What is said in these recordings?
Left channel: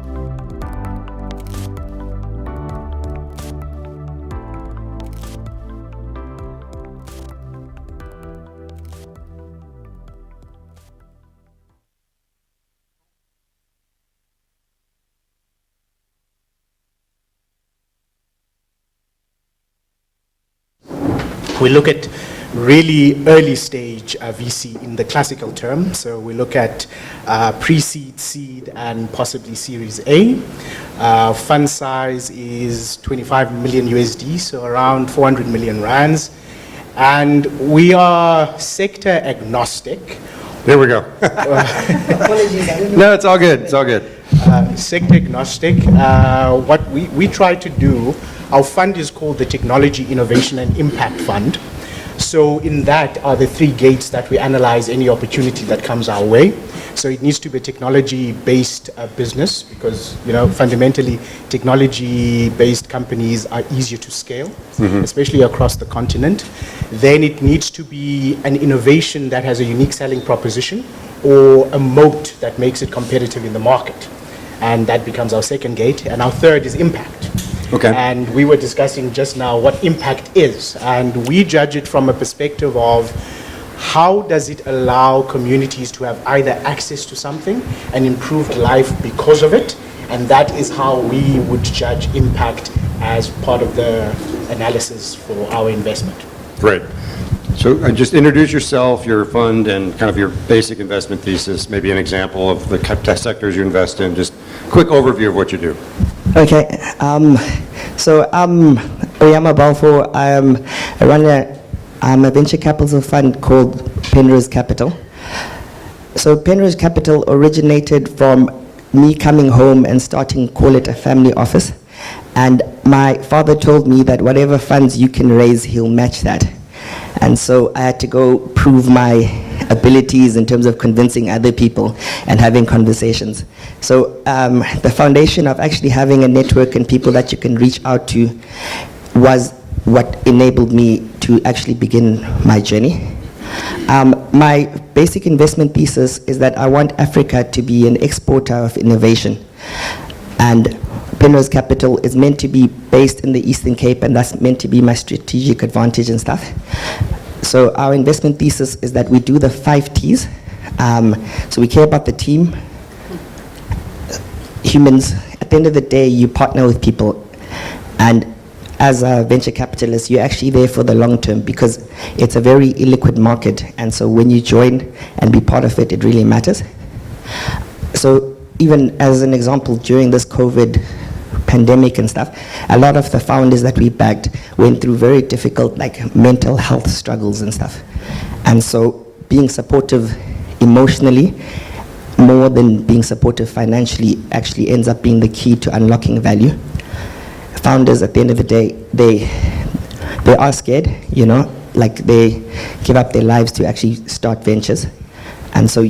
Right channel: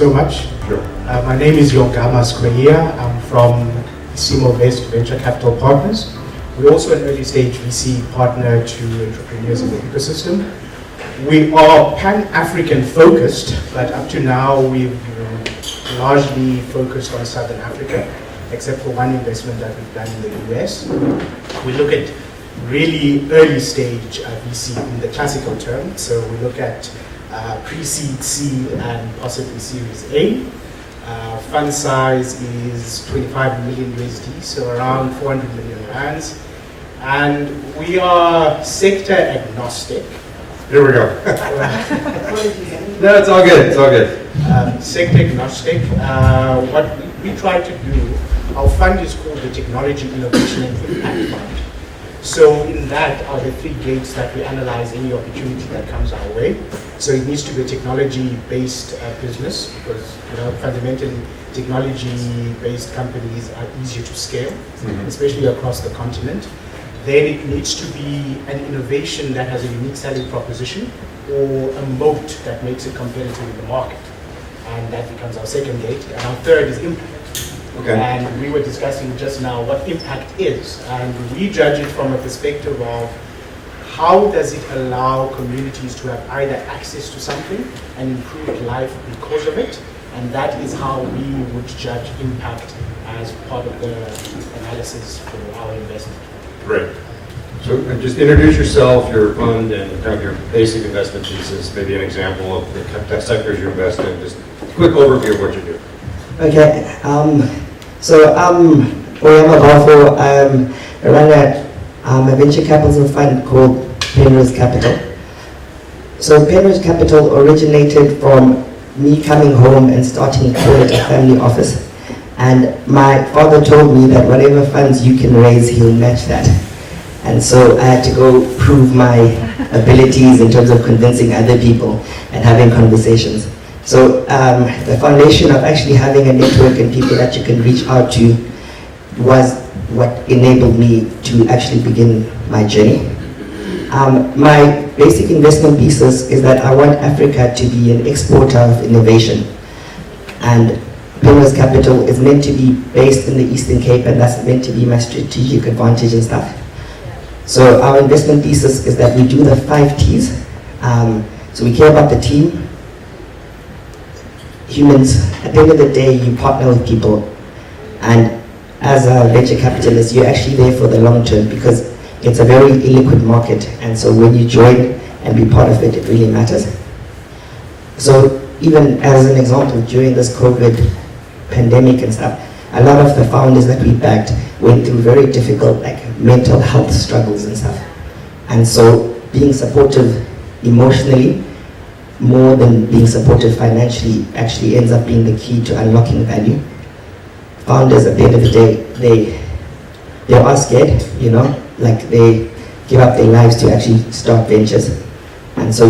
so much. Sure. My name is Yongama Squia. I'm from CMO-based Venture Capital Partners. We're also an early stage VC partner to entrepreneurs in the ecosystem. We are Pan-African focused, but up to now we've largely focused on Southern Africa, except for one investment that we've done in the US. We look at really early stage VC in the classical term. So we look at pre-seed, seed, and possibly Series A. Fund size is 25 million USD, so around 400 million rands. And we are sector agnostic. There we go. No, it's all good. It's all good. Sector agnostic. What we try to do, our fund is called the Technology Innovation and Impact Fund. So in that are the three gates that we analyze any opportunity that comes our way. So it needs to be a technology-based business because, fundamentally, technology-based companies are easier to scale, especially across the continent. Then it needs to be an innovation that has a unique selling proposition or a moat that makes it competitive in the market. And that becomes our second gate. And our third is impact. Okay. And we were discussing just now what impact is. And we judge it from a perspective of how does it allow communities to have either access to something and improved life because of it. And that is how we would judge impact as part of the analysis for our investment. Great. So just introduce yourself, your fund, and kind of your basic investment thesis, maybe an example of the tech sectors you invest in, just a quick overview of what you do. Okay, so I'm Oyama Bafo. I run a venture capital fund called Penrose Capital. So Penrose Capital originated from me coming home and starting call it a family office. And my father told me that whatever funds you can raise, he'll match that. And so I had to go prove my abilities in terms of convincing other people and having conversations. So the foundation of actually having a network and people that you can reach out to was what enabled me to actually begin my journey. My basic investment thesis is that I want Africa to be an exporter of innovation. And Penrose Capital is meant to be based in the Eastern Cape, and that's meant to be my strategic advantage and stuff. So our investment thesis is that we do the 5 T's. So we care about the team, humans. At the end of the day, you partner with people, and as a venture capitalist, you're actually there for the long term because it's a very illiquid market, and so when you join and be part of it, it really matters. So even as an example, during this COVID pandemic and stuff, a lot of the founders that we backed went through very difficult mental health struggles and stuff. And so being supportive emotionally more than being supportive financially actually ends up being the key to unlocking value. Founders at the end of the day, they are scared, they give up their lives to actually start ventures. And so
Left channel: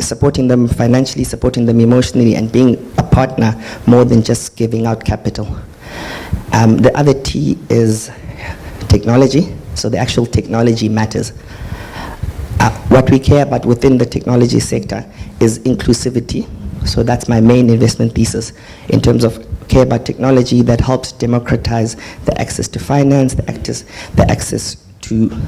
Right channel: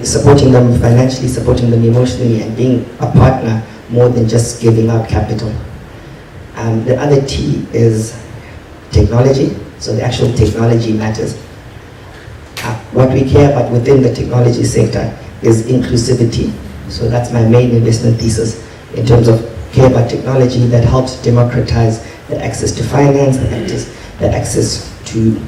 supporting them financially, supporting them emotionally, and being a partner more than just giving out capital. The other T is technology. So the actual technology matters. What we care about within the technology sector is inclusivity. So that's my main investment thesis in terms of care about technology that helps democratize the access to finance, the access to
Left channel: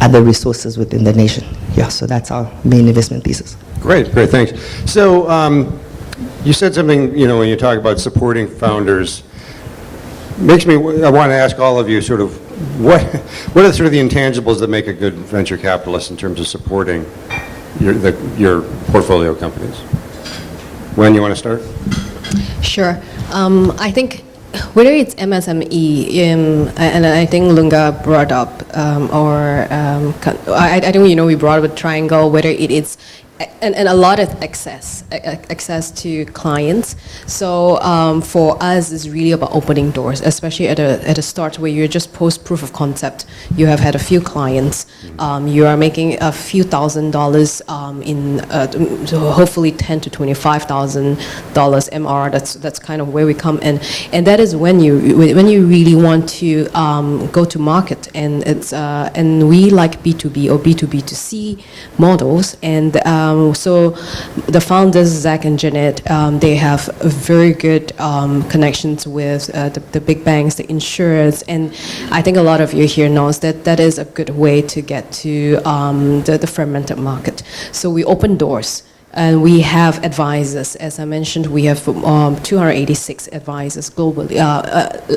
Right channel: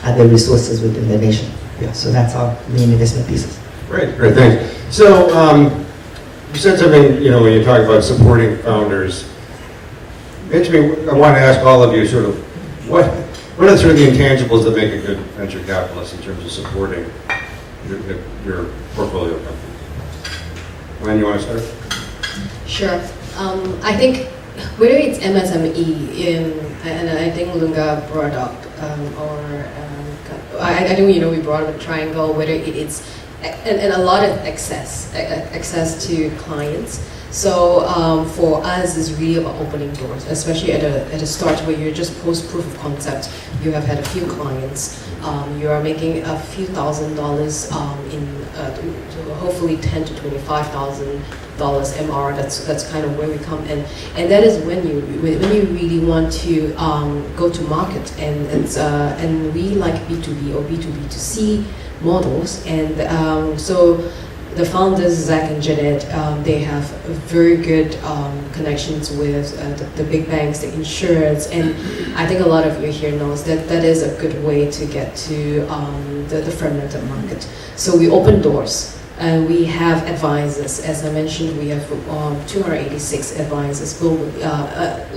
other resources within the nation. Yeah, so that's our main investment thesis. Great, thanks. So you said something, when you talk about supporting founders, I want to ask all of you sort of, what are sort of the intangibles that make a good venture capitalist in terms of supporting your portfolio companies? When you want to start? Sure. I think whether it's MSME and I think Lunga brought up, I think we brought up a triangle, whether it is and a lot of access to clients. So for us, it's really about opening doors, especially at a start where you're just post proof of concept. You have had a few clients. you are making a few $1,000s to hopefully $10,000 to $25,000 MR. That's kind of where we come in, and that is when you really want to go to market, and it's and we like B2B or B2B2C models, and so the founders Zach and Jeanette, they have very good connections with the big banks, the insurers, and I think a lot of you here knows that that is a good way to get to the fermented market. So we open doors. And we have advisors, as I mentioned, we have 286 advisors globally,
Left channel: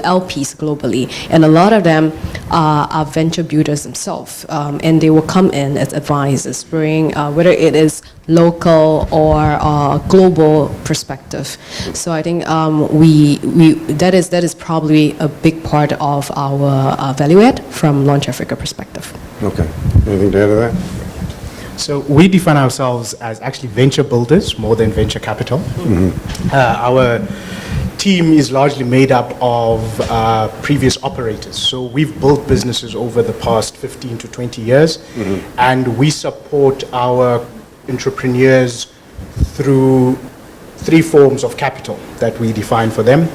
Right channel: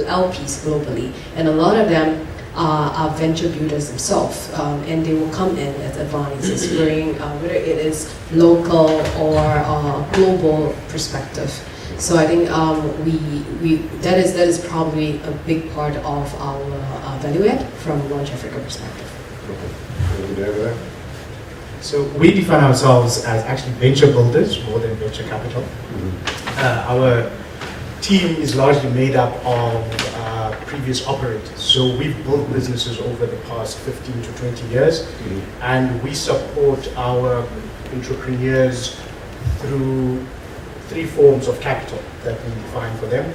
LPs globally, and a lot of them are venture builders themselves, and they will come in as advisors, bring whether it is local or global perspective. So I think that is probably a big part of our value add from Launch Africa perspective. Okay. Anything to add to that? So we define ourselves as actually venture builders more than venture capital. Our team is largely made up of previous operators. So we've built businesses over the past 15 to 20 years, and we support our entrepreneurs through 3 forms of capital that we define for them.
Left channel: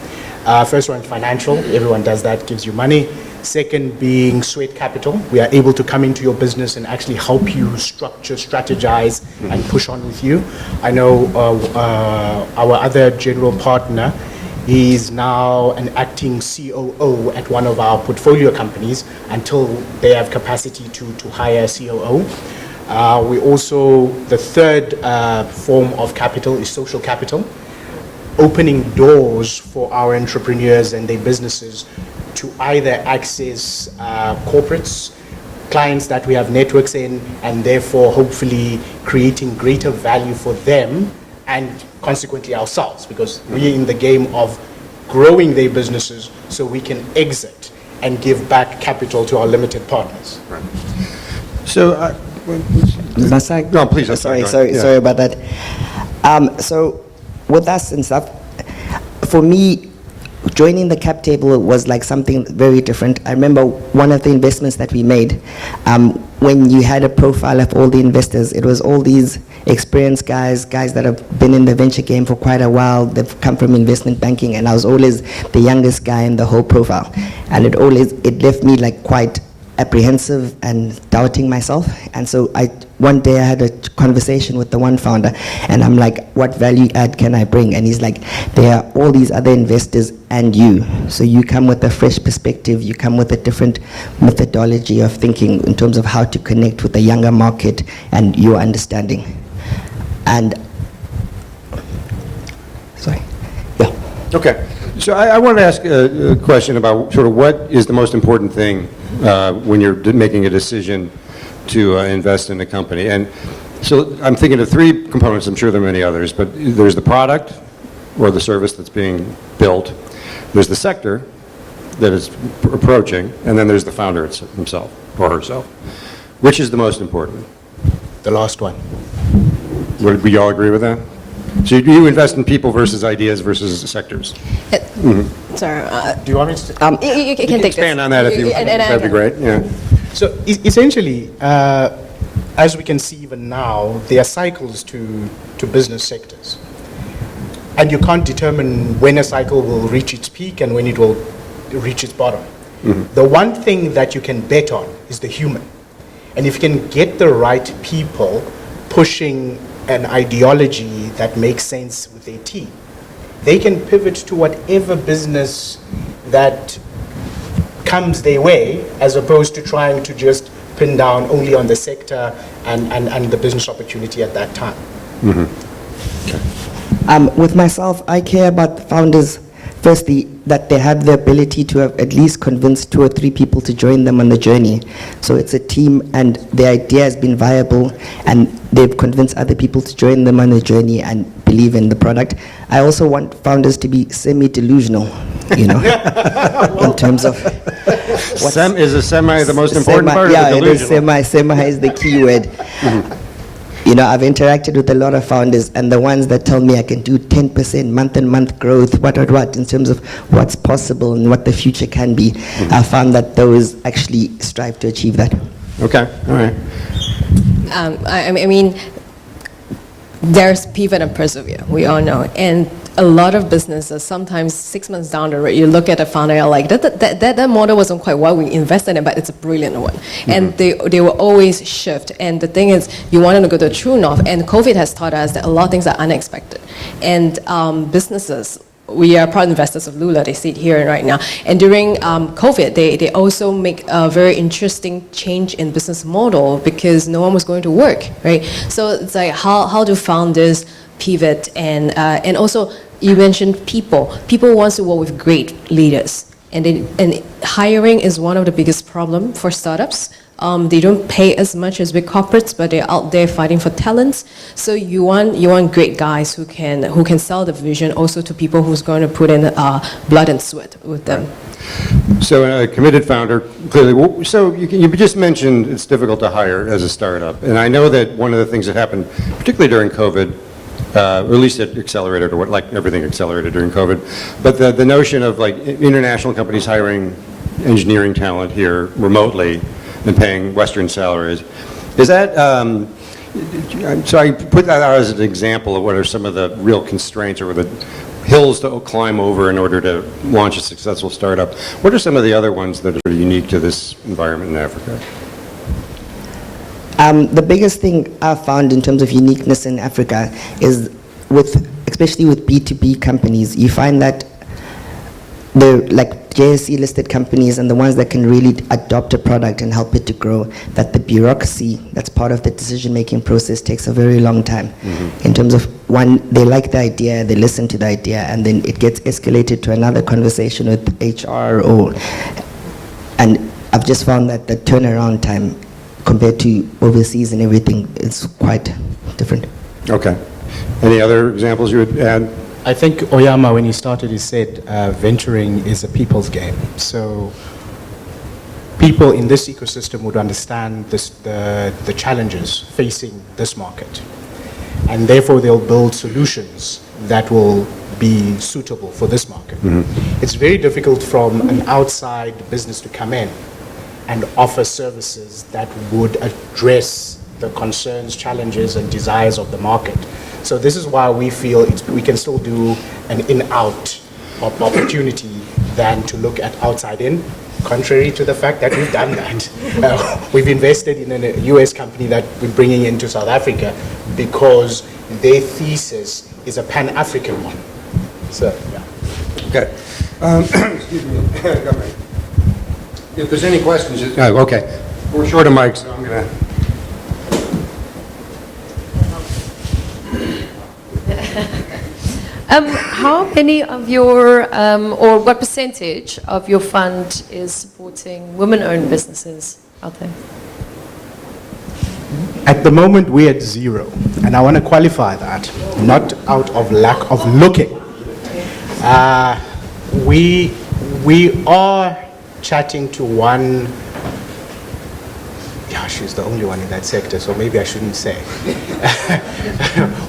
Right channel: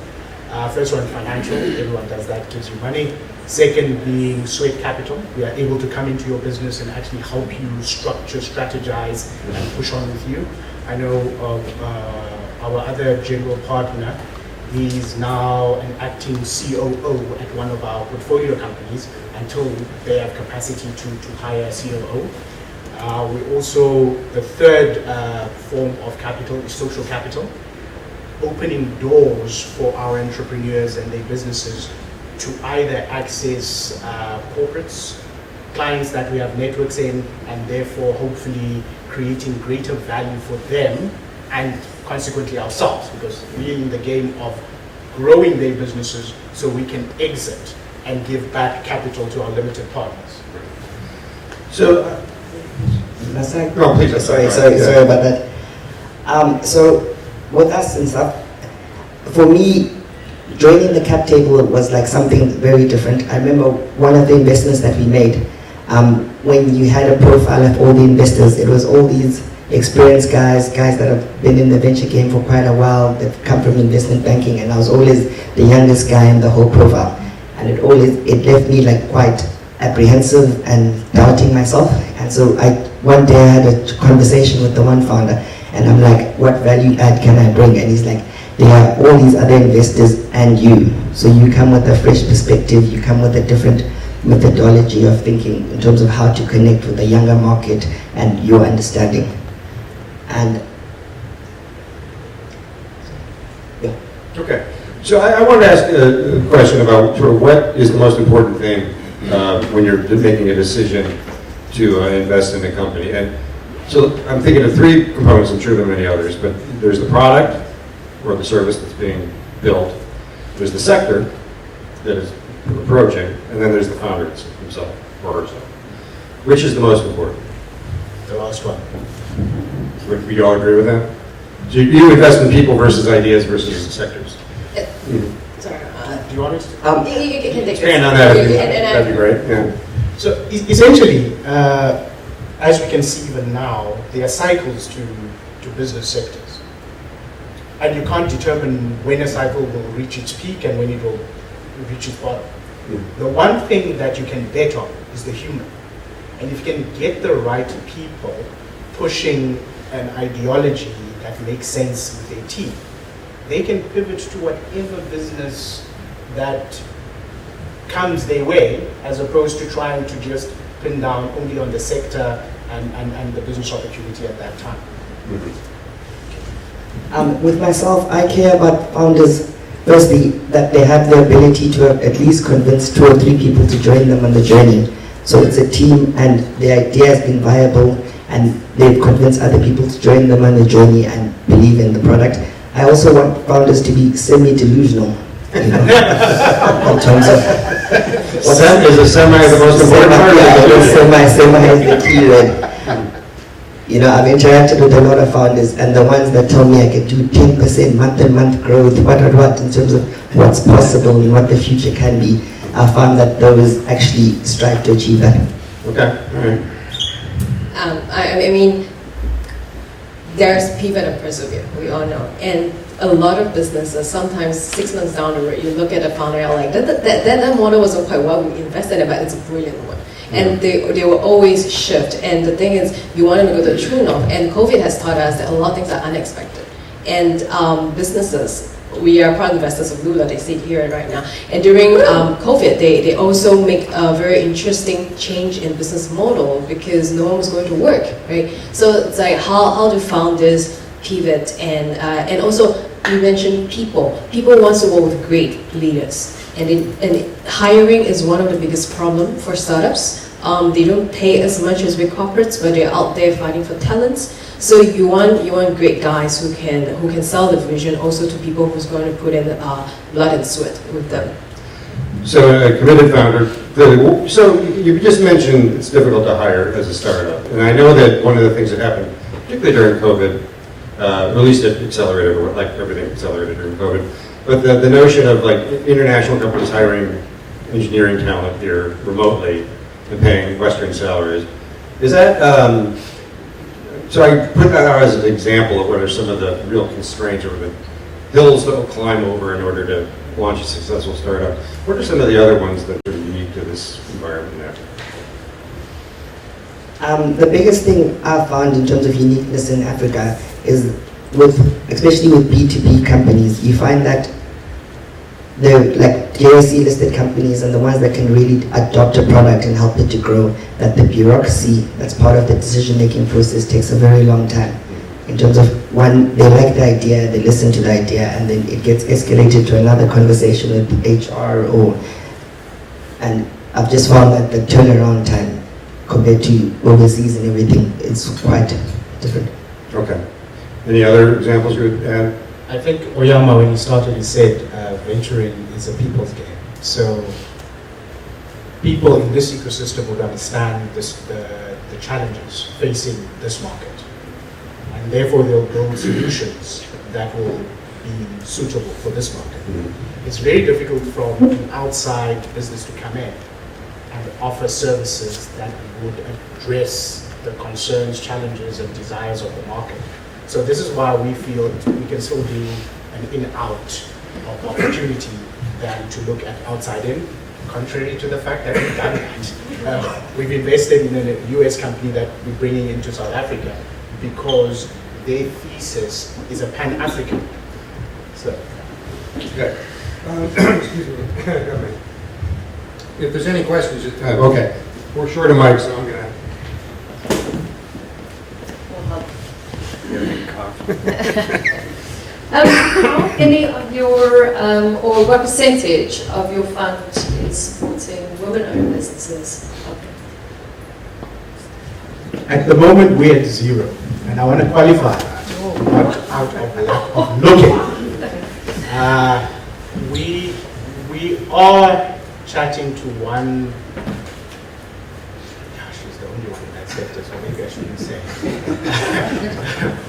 First one, financial. Everyone does that, gives you money. Second being sweat capital. We are able to come into your business and actually help you structure, strategize, and push on with you. I know our other general partner is now an acting COO at one of our portfolio companies until they have capacity to hire a COO. We also, the third form of capital is social capital, opening doors for our entrepreneurs and their businesses to either access corporates, clients that we have networks in, and therefore hopefully creating greater value for them and consequently ourselves, because we're in the game of growing their businesses so we can exit and give back capital to our limited partners. So, Must I? no, please. Sorry about that. So with us and stuff, for me, joining the cap table was like something very different. I remember one of the investments that we made, when you had a profile of all the investors, it was all these experienced guys that have been in the venture game for quite a while, that come from investment banking, and I was always the youngest guy in the whole profile. And it left me like quite apprehensive and doubting myself. And so one day I had a conversation with the one founder, and I'm like, what value add can I bring? And he's like, there are all these other investors and you. So you come with a fresh perspective, you come with a different methodology of thinking in terms of how to connect with the younger market and your understanding. And, sorry, yeah. Okay. So I want to ask a question about sort of what is the most important thing when you're making a decision to invest in a company. And so I'm thinking of 3 components. I'm sure there are many others, but there's the product or the service that's being built. There's the sector that it's approaching, and then there's the founder himself or herself. Which is the most important? The last one. Would we all agree with that? So you invest in people versus ideas versus sectors. Sorry. Do you want me to? You can take Expand on this. that. That'd be great. Yeah. So essentially, as you can see even now, there are cycles to business sectors. And you can't determine when a cycle will reach its peak and when it will reach its bottom. The one thing that you can bet on is the human. And if you can get the right people pushing an ideology that makes sense with their team, they can pivot to whatever business that comes their way, as opposed to trying to just pin down only on the sector and the business opportunity at that time. With myself, I care about founders, firstly, that they have the ability to have at least convinced 2 or 3 people to join them on the journey. So it's a team, and the idea has been viable, and they've convinced other people to join them on the journey and believe in the product. I also want founders to be semi-delusional, you know, in terms of... Well, that is a semi the most important part. Yeah, semi is the key word. You know, I've interacted with a lot of founders, and the ones that tell me I can do 10% month-to-month growth, what in terms of what's possible and what the future can be, I found that those actually strive to achieve that. Okay, all right. I mean, there's pivot and persevere, we all know. And a lot of businesses, sometimes 6 months down the road, you look at a founder, you're like, that model wasn't quite what we invested in, but it's a brilliant one. And they will always shift. And the thing is, you want to go to the true north. And COVID has taught us that a lot of things are unexpected. And businesses, we are proud investors of Lula, they sit here right now. And during COVID, they also make a very interesting change in business model because no one was going to work, right? So it's like, how do founders pivot? And also, you mentioned people. People want to work with great leaders. And hiring is one of the biggest problems for startups. They don't pay as much as big corporates, but they're out there fighting for talents. So you want great guys who can sell the vision also to people who's going to put in blood and sweat with them. So a committed founder, clearly. So you just mentioned it's difficult to hire as a startup, and I know that one of the things that happened, particularly during COVID, or at least it accelerated, or like everything accelerated during COVID, but the notion of like international companies hiring engineering talent here remotely and paying Western salaries, is that, so I put that out as an example of what are some of the real constraints or the hills to climb over in order to launch a successful startup. What are some of the other ones that are unique to this environment in Africa? The biggest thing I've found in terms of uniqueness in Africa is especially with B2B companies, you find that the like JSE listed companies and the ones that can really adopt a product and help it to grow, that the bureaucracy that's part of the decision-making process takes a very long time. In terms of one, they like the idea, they listen to the idea, and then it gets escalated to another conversation with HR and I've just found that the turnaround time compared to overseas and everything is quite different. Okay. Any other examples you would add? I think Oyama, when he started, he said venturing is a people's game. So people in this ecosystem would understand the challenges facing this market. And therefore they'll build solutions that will be suitable for this market. It's very difficult from an outside business to come in and offer services that would address the concerns, challenges, and desires of the market. So this is why we feel we can still do an in-out of opportunity than to look at outside in, contrary to the fact that we've done that. We've invested in a US company that we're bringing into South Africa because their thesis is a Pan-African one. So, yeah. Okay. Excuse me. If there's any questions, okay. We're short of mics. So I'm gonna... How many of your, or what percentage of your fund is supporting women-owned businesses out there? At the moment, we're at 0. And I want to qualify that, not out of lack of looking. We are chatting to one, yeah, she's the only one in that sector, so maybe I shouldn't say.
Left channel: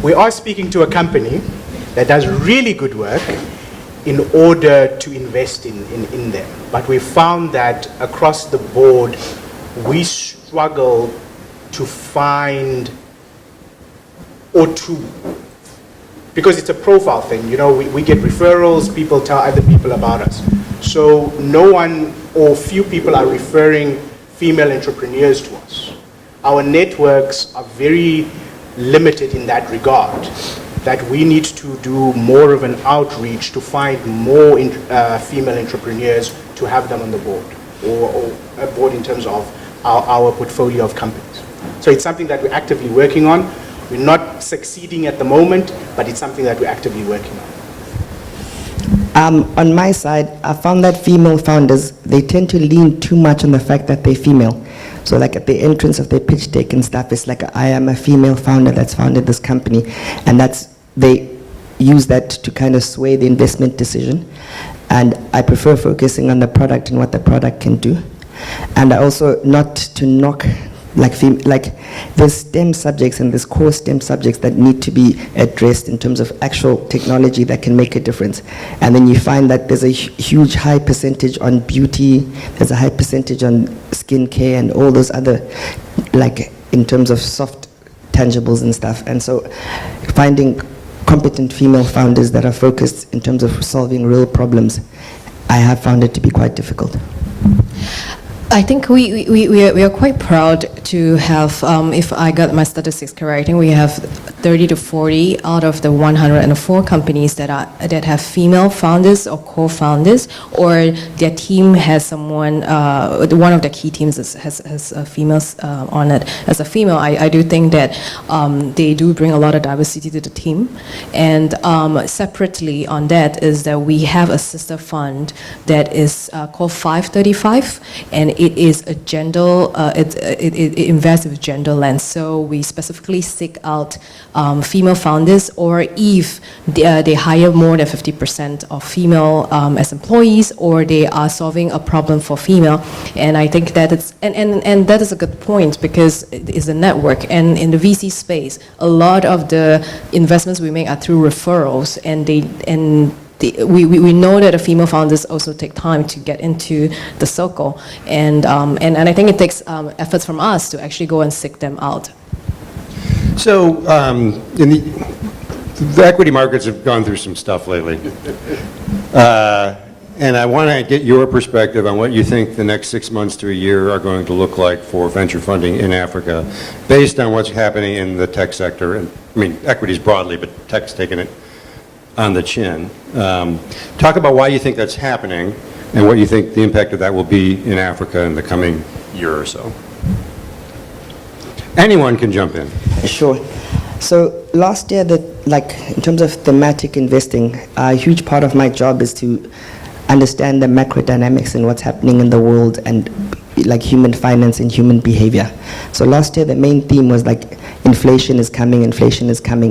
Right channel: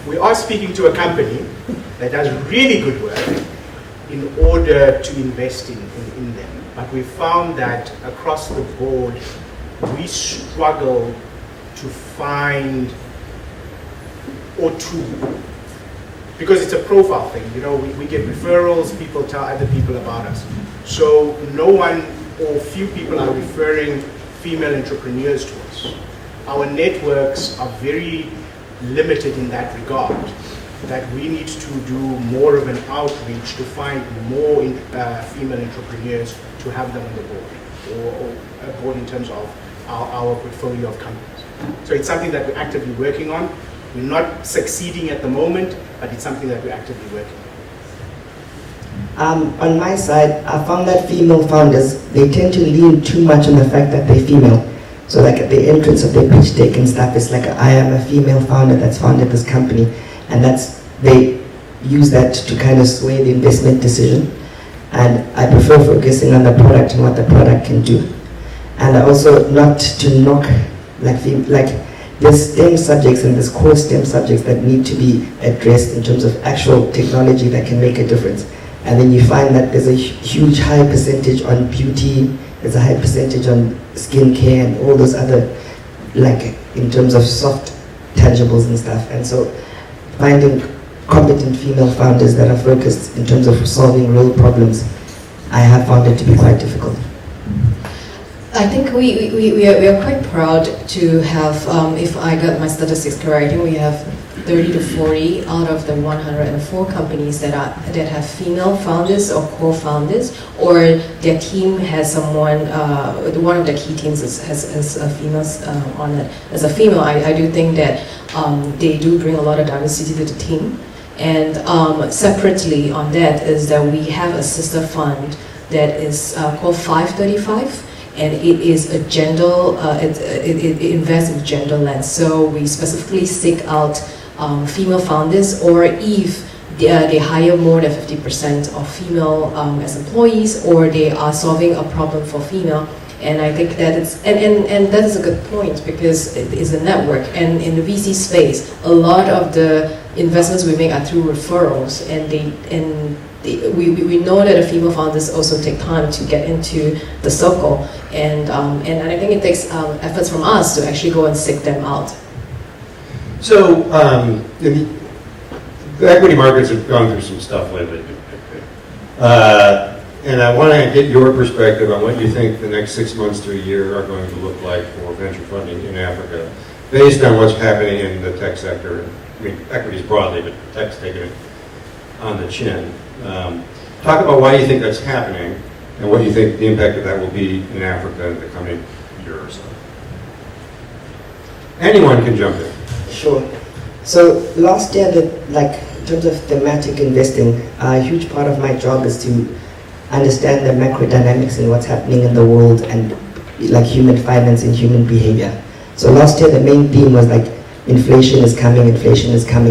We are speaking to a company that does really good work in order to invest in them. But we found that across the board, we struggle to find or to, because it's a profile thing, you know, we get referrals, people tell other people about us. So no one or few people are referring female entrepreneurs to us. Our networks are very limited in that regard, that we need to do more of an outreach to find more female entrepreneurs to have them on the board, or a board in terms of our portfolio of companies. So it's something that we're actively working on. We're not succeeding at the moment, but it's something that we're actively working on. On my side, I found that female founders, they tend to lean too much on the fact that they're female. So like at the entrance of their pitch deck and stuff, it's like, I am a female founder that's founded this company. And they use that to kind of sway the investment decision. And I prefer focusing on the product and what the product can do. And also not to knock, there's STEM subjects and there's core STEM subjects that need to be addressed in terms of actual technology that can make a difference. And then you find that there's a huge high percentage on beauty, there's a high percentage on skincare and all those other, like in terms of soft tangibles and stuff. And so finding competent female founders that are focused in terms of solving real problems, I have found it to be quite difficult. I think we are quite proud to have, if I got my statistics correct, I think we have 30 to 40 out of the 104 companies that have female founders or co-founders, or their team has someone, one of their key teams has females on it. As a female, I do think that they do bring a lot of diversity to the team. And separately on that is that we have a sister fund that is called 535, and it is a gender, it invests in gender lens. So we specifically seek out female founders, or if they hire more than 50% of female as employees, or they are solving a problem for female. And I think that it's, and that is a good point, because it's a network. And in the VC space, a lot of the investments we make are through referrals, and we know that the female founders also take time to get into the circle, and I think it takes efforts from us to actually go and seek them out. So, in the equity markets have gone through some stuff lately. And I want to get your perspective on what you think the next 6 months to a year are going to look like for venture funding in Africa, based on what's happening in the tech sector. And, I mean, equities broadly, but tech's taking it on the chin. Talk about why you think that's happening and what you think the impact of that will be in Africa in the coming year or so. Anyone can jump in. Sure. So last year, in terms of thematic investing, a huge part of my job is to understand the macro dynamics and what's happening in the world, and like human finance and human behavior. So last year, the main theme was like inflation is coming,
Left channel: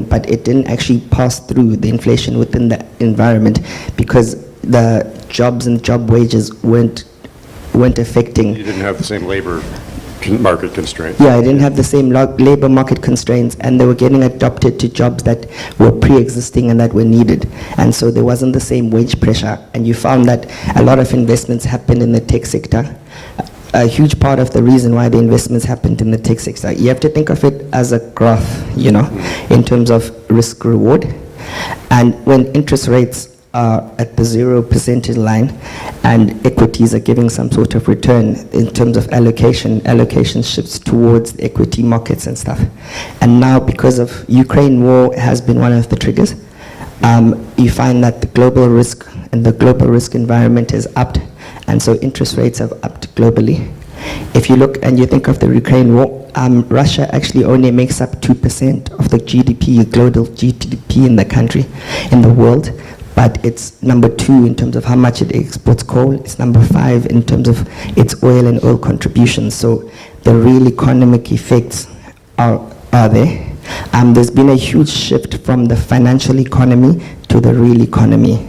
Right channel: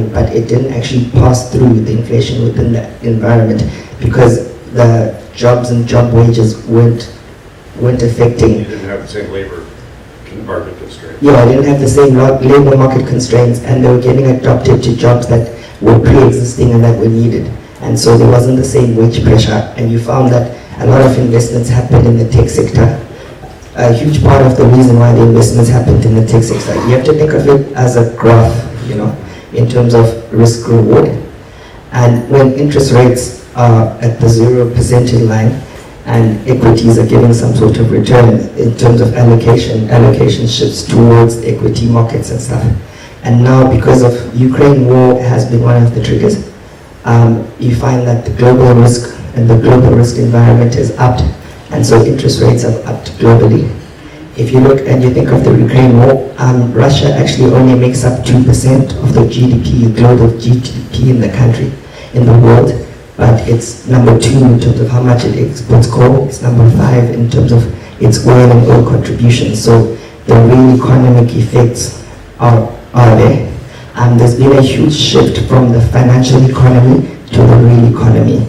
but it didn't actually pass through the inflation within the environment, because the jobs and job wages weren't affecting. You didn't have the same labor market constraints. Yeah, they didn't have the same labor market constraints, and they were getting adopted to jobs that were pre-existing and that were needed. And so there wasn't the same wage pressure, and you found that a lot of investments happened in the tech sector. A huge part of the reason why the investments happened in the tech sector, you have to think of it as a graph, in terms of risk reward. And when interest rates are at the 0% line, and equities are getting some sort of return in terms of allocation shifts towards equity markets and stuff. And now, because of Ukraine war has been one of the triggers, you find that the global risk and the global risk environment is upped, and so interest rates have upped globally. If you look and you think of the Ukraine war, Russia actually only makes up 2% of the GDP, global GDP in the country, in the world. But it's number 2 in terms of how much it exports coal. It's number 5 in terms of its oil and oil contributions. So the real economic effects are there. There's been a huge shift from the financial economy to the real economy,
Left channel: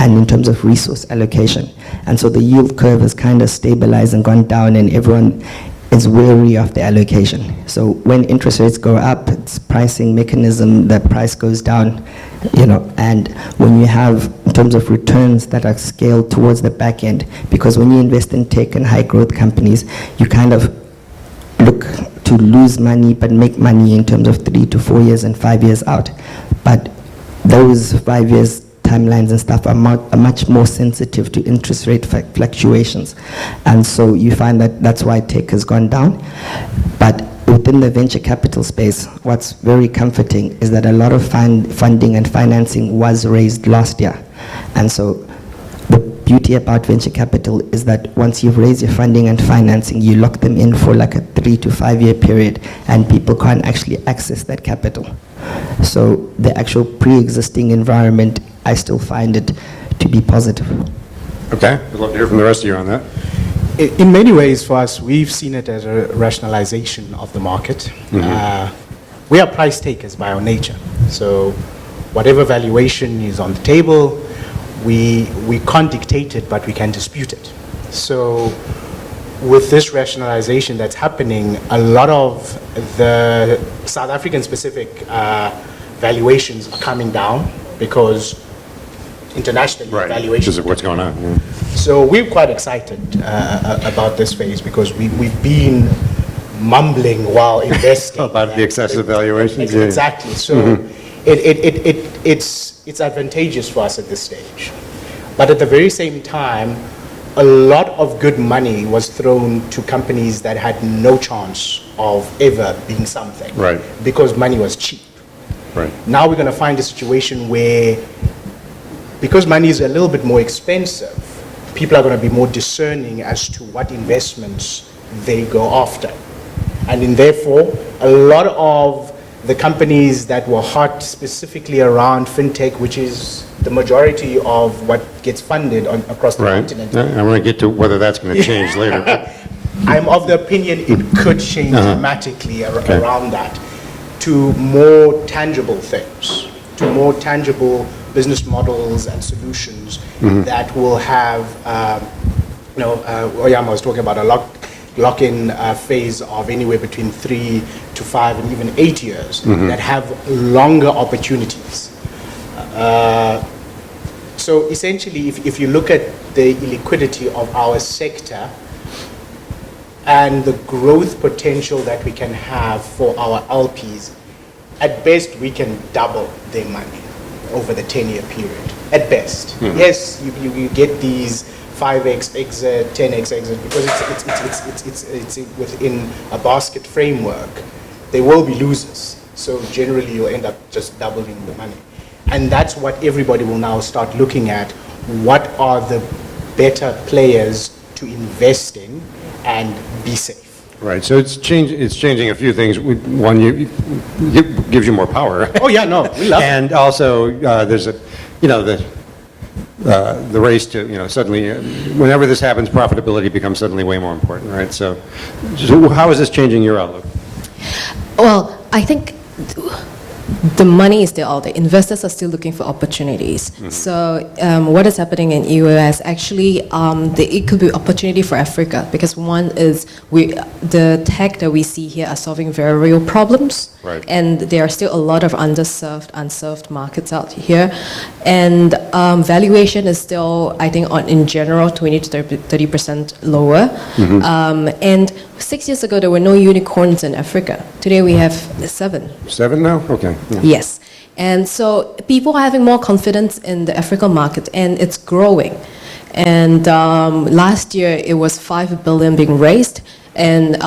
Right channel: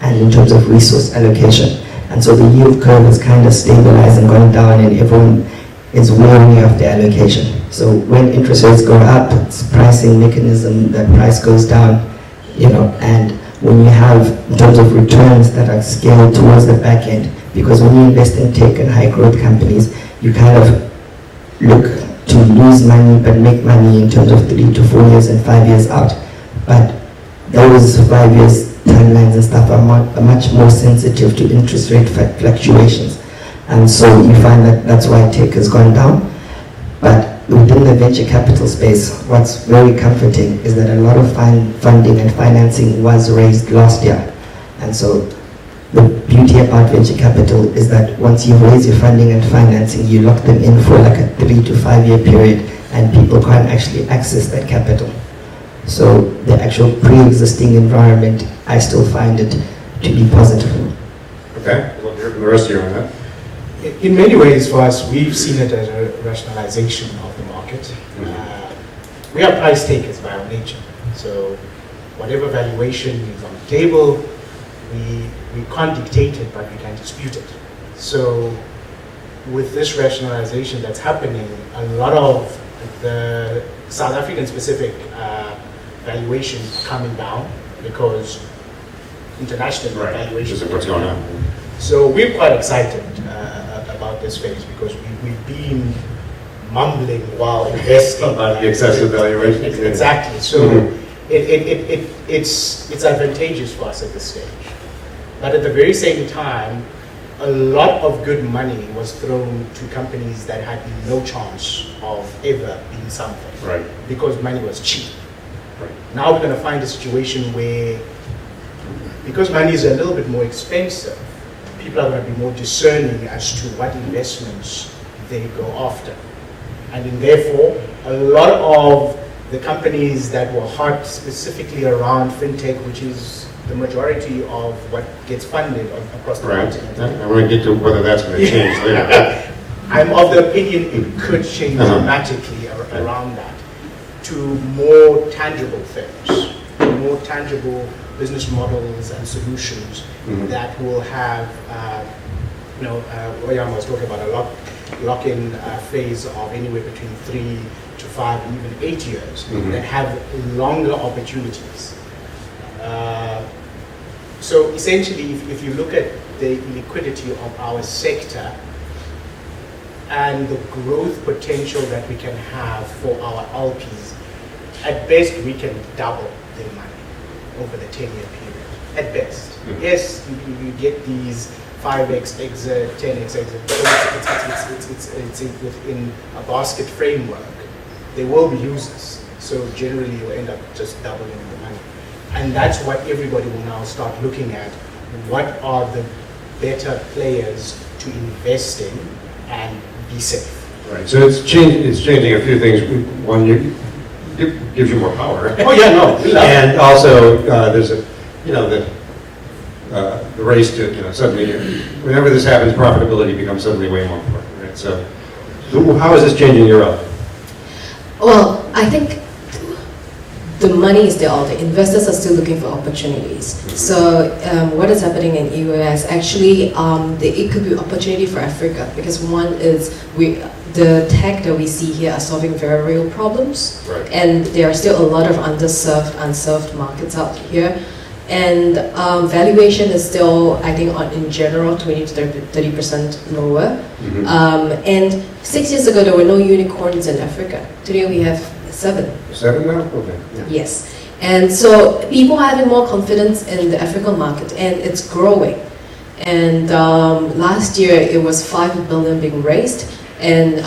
and in terms of resource allocation. And so the yield curve is kind of stabilized and going down, and everyone is wary of the allocation. So when interest rates go up, it's a pricing mechanism, the price goes down. And when you have, in terms of returns that are scaled towards the back end, because when you invest in tech and high growth companies, you kind of look to lose money but make money in terms of 3 to 4 years and 5 years out. But those 5 years timelines and stuff are much more sensitive to interest rate fluctuations. And so you find that that's why tech has gone down. But within the venture capital space, what's very comforting is that a lot of funding and financing was raised last year. And so the beauty about venture capital is that once you raise your funding and financing, you lock them in for like a 3 to 5 year period, and people can't actually access that capital. So the actual pre-existing environment, I still find it to be positive. Okay, I'd love to hear from the rest of you on that. In many ways, for us, we've seen it as a rationalization of the market. Mm-hmm. We are price takers by our nature. So whatever valuation is on the table, we can't dictate it, but we can dispute it. So with this rationalization that's happening, a lot of the South African specific valuations are coming down, because international Right, valuation. which is what's going on. So we're quite excited about this phase because we've been mumbling while investing. About the excessive valuations. yeah. Exactly. So it's advantageous for us at this stage. But at the very same time, a lot of good money was thrown to companies that had no chance of ever being something. Right. Because money was cheap. Right. Now we're going to find a situation where, because money is a little bit more expensive, people are going to be more discerning as to what investments they go after. And therefore, a lot of the companies that were hot specifically around fintech, which is the majority of what gets funded across the Right. continent. Yeah, I'm going to get to whether that's going to change later. I'm of the opinion it could change Uh-huh. dramatically Okay. around that to more tangible things, to more tangible business models and solutions Mhm. that will have, Oyama was talking about a lock-in phase of anywhere between 3 to 5 and even 8 years Mhm. that have longer opportunities. So essentially, if you look at the liquidity of our sector and the growth potential that we can have for our LPs, at best we can double their money over the 10-year period. At best. Mhm. Yes, you get these 5x exit, 10x exit, because it's within a basket framework. There will be losers. So generally you'll end up just doubling the money. And that's what everybody will now start looking at. What are the better players to invest in and be safe? Right, so it's changing a few things. One, gives you more power. Oh, yeah, no, we love it. And also, there's the race to, suddenly, whenever this happens, profitability becomes suddenly way more important, right? So how is this changing your outlook? Well, I think the money is there. All the investors are still looking for opportunities. So what is happening in US? Actually, it could be opportunity for Africa because one is the tech that we see here are solving very real problems, Right. and there are still a lot of unserved markets out here. And valuation is still, I think, in general, 20 to 30% lower. Mhm. And 6 years ago, there were no unicorns in Africa. Today, we have 7. 7 now? Okay. Yeah. Yes. And so people are having more confidence in the African market, and it's growing. And last year, it was 5 billion being raised and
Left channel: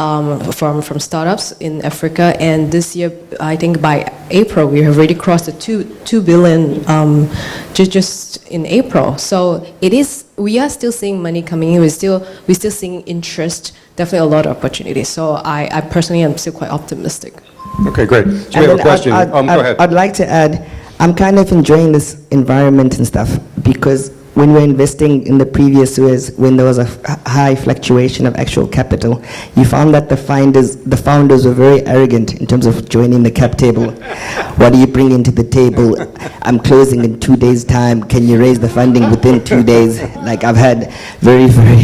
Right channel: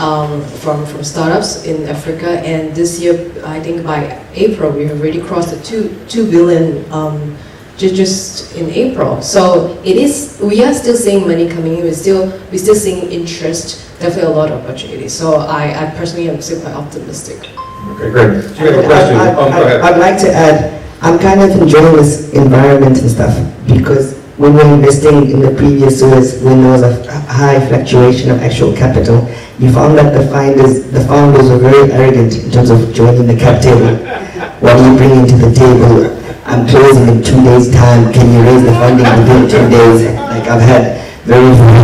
from startups in Africa. And this year, I think by April, we have already crossed the 2 billion just in April. So we are still seeing money coming in. We're still seeing interest. Definitely a lot of opportunities. So I personally am still quite optimistic. Okay, great. So we have a question. Go ahead. I'd like to add, I'm kind of enjoying this environment and stuff because when we're investing in the previous years, when there was a high fluctuation of actual capital, you found that the founders were very arrogant in terms of joining the cap table. What are you bringing to the table? I'm closing in 2 days' time. Can you raise the funding within 2 days? Like I've had very, very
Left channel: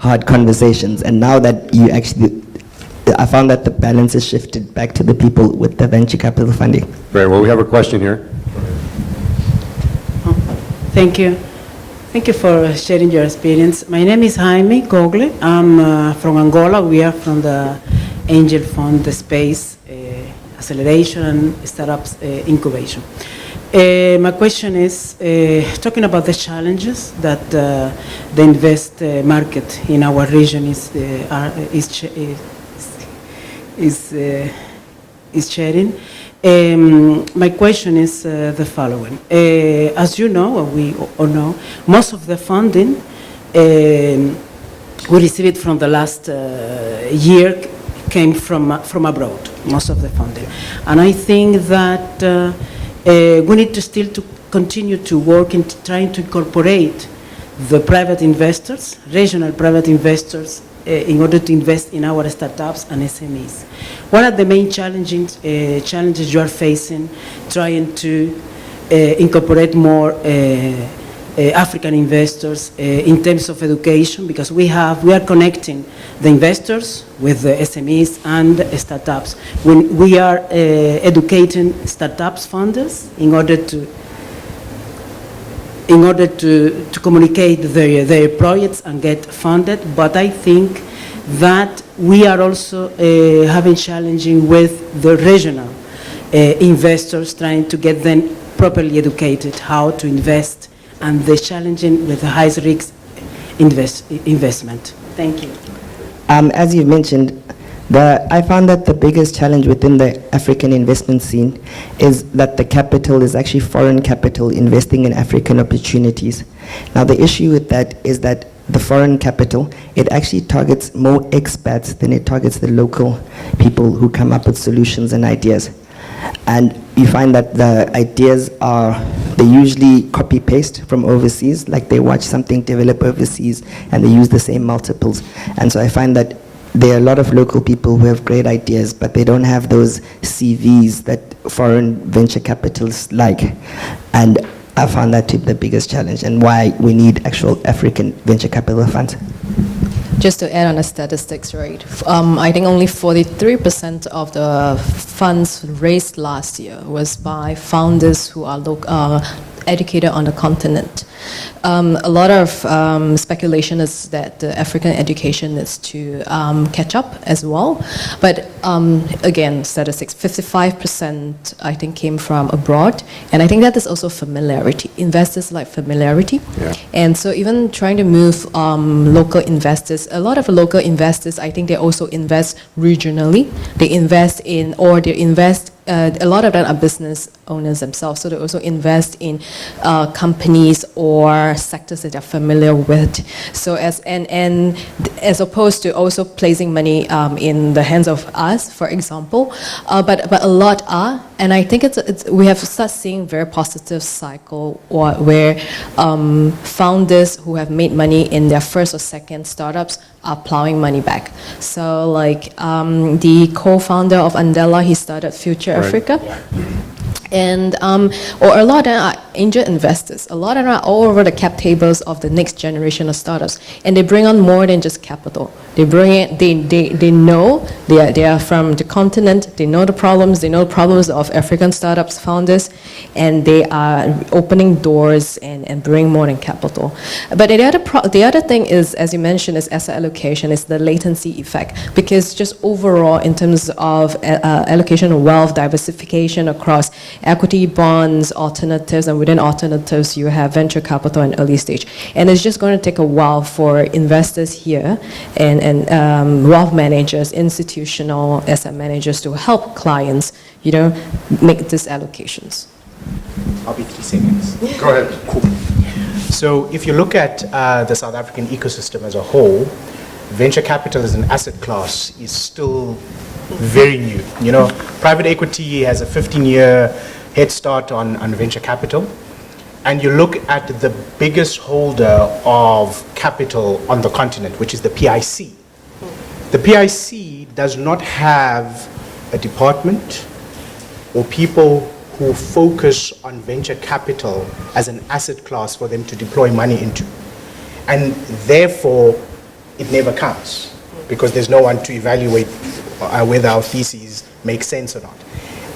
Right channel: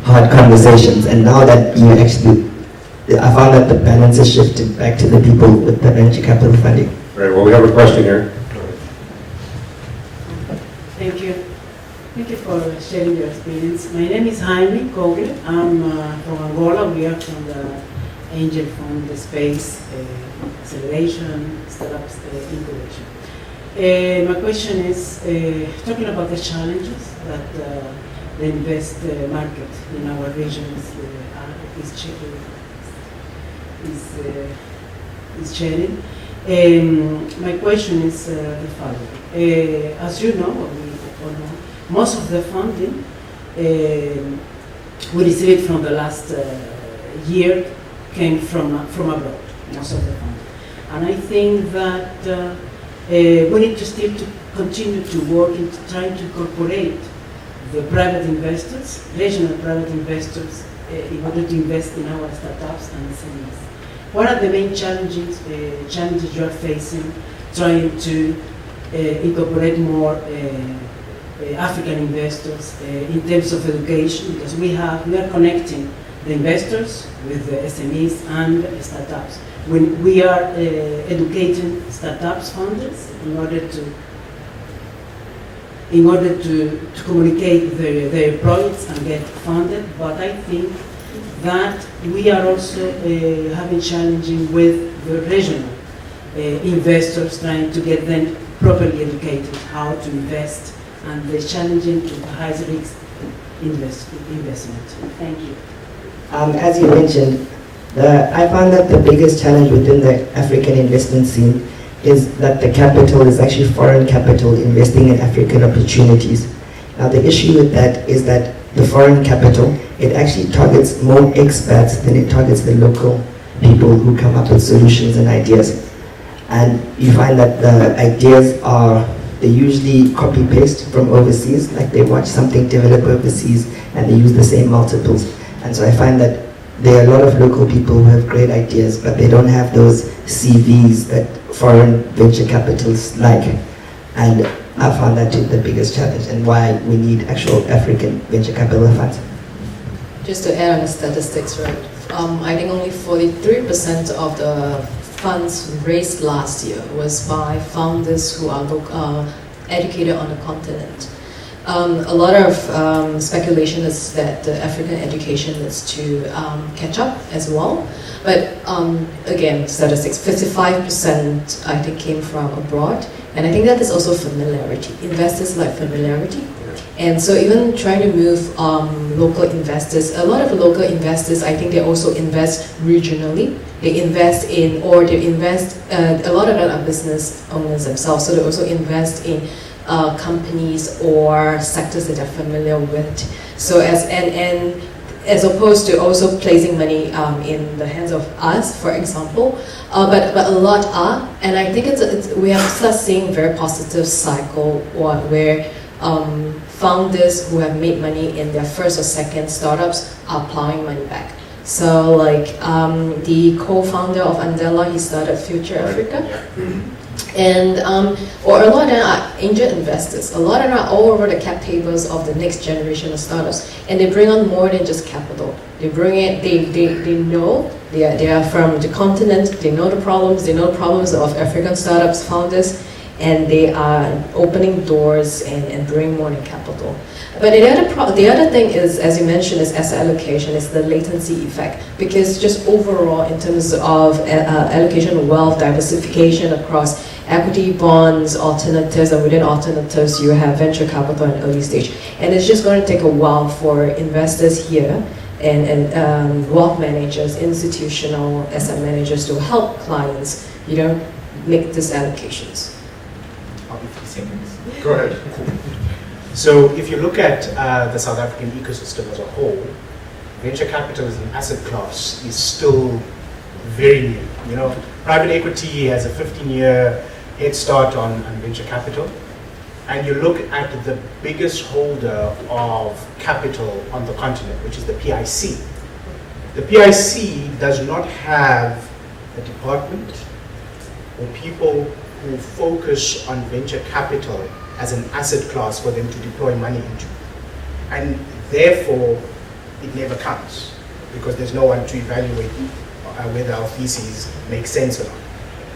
hard conversations, and now that I found that the balance has shifted back to the people with the venture capital funding. Great, well, we have a question here. Thank you. Thank you for sharing your experience. My name is Jaime Cogle. I'm from Angola. We are from the Angel Fund, the Space Acceleration and Startups Incubation. My question is, talking about the challenges that the invest market in our region is sharing. My question is the following. As you know, or we all know, most of the funding we received from the last year came from abroad, most of the funding. And I think that we need to still to continue to work in trying to incorporate the private investors, regional private investors, in order to invest in our startups and SMEs. What are the main challenges you are facing trying to incorporate more African investors in terms of education? Because we are connecting the investors with the SMEs and the startups. When we are educating startups funders in order to in order to communicate their projects and get funded. But I think that we are also having challenging with the regional investors, trying to get them properly educated how to invest, and the challenging with the high risk investment. Thank you. As you mentioned, I found that the biggest challenge within the African investment scene is that the capital is actually foreign capital investing in African opportunities. Now the issue with that is that the foreign capital, it actually targets more expats than it targets the local people who come up with solutions and ideas. And you find that the ideas they usually copy-paste from overseas, like they watch something develop overseas and they use the same multiples. And so I find that there are a lot of local people who have great ideas, but they don't have those CVs that foreign venture capitalists like. And I found that to be the biggest challenge and why we need actual African venture capital funds. Just to add on the statistics, right? I think only 43% of the funds raised last year was by founders who are educated on the continent. A lot of speculation is that the African education is to catch up as well. But again, statistics, 55% I think came from abroad. And I think that is also familiarity. Investors like familiarity. Yeah. And so even trying to move local investors, a lot of local investors, I think they also invest regionally. They invest in, a lot of them are business owners themselves, so they also invest in companies or sectors that they're familiar with. So as opposed to also placing money in the hands of us, for example, but a lot are, and I think we have started seeing very positive cycle where founders who have made money in their first or second startups are plowing money back. So like the co-founder of Andela, he started Future Africa. And or a lot of them are angel investors. A lot of them are all over the cap tables of the next generation of startups, and they bring on more than just capital. They bring it. They know they are from the continent. They know the problems. They know the problems of African startups founders, and they are opening doors and bring more than capital. But the other thing is, as you mentioned, is asset allocation. It's the latency effect, because just overall in terms of allocation of wealth, diversification across equity, bonds, alternatives, and within alternatives you have venture capital and early stage. And it's just going to take a while for investors here and wealth managers, institutional asset managers to help clients, make these allocations. I'll be 3 seconds. Go ahead. Cool. So if you look at the South African ecosystem as a whole, venture capital as an asset class is still very new. Private equity has a 15-year head start on venture capital. And you look at the biggest holder of capital on the continent, which is the PIC. The PIC does not have a department or people who focus on venture capital as an asset class for them to deploy money into. And therefore, it never counts, because there's no one to evaluate whether our theses make sense or not.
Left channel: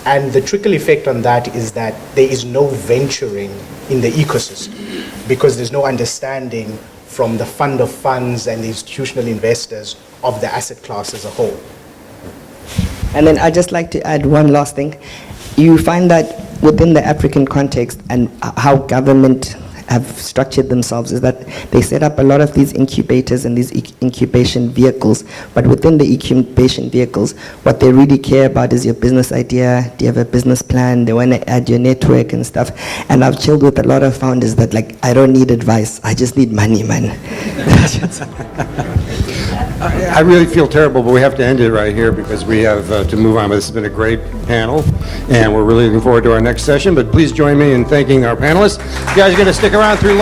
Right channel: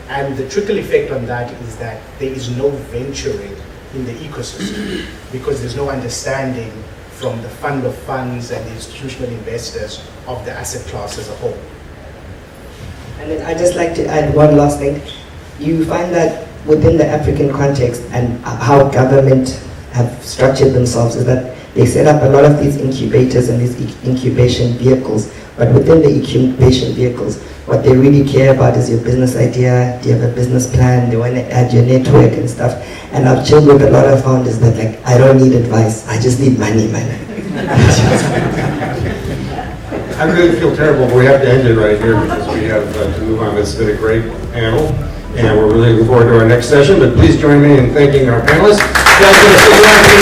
And the trickle effect on that is that there is no venturing in the ecosystem, because there's no understanding from the fund of funds and the institutional investors of the asset class as a whole. And then I'd just like to add one last thing. You find that within the African context and how government have structured themselves is that they set up a lot of these incubators and these incubation vehicles, but within the incubation vehicles, what they really care about is your business idea. Do you have a business plan? They want to add your network and stuff. And I've chilled with a lot of founders that like, I don't need advice, I just need money, man. I really feel terrible, but we have to end it right here because we have to move on. This has been a great panel, and we're really looking forward to our next session. But please join me in thanking our panelists. You guys are going to stick around for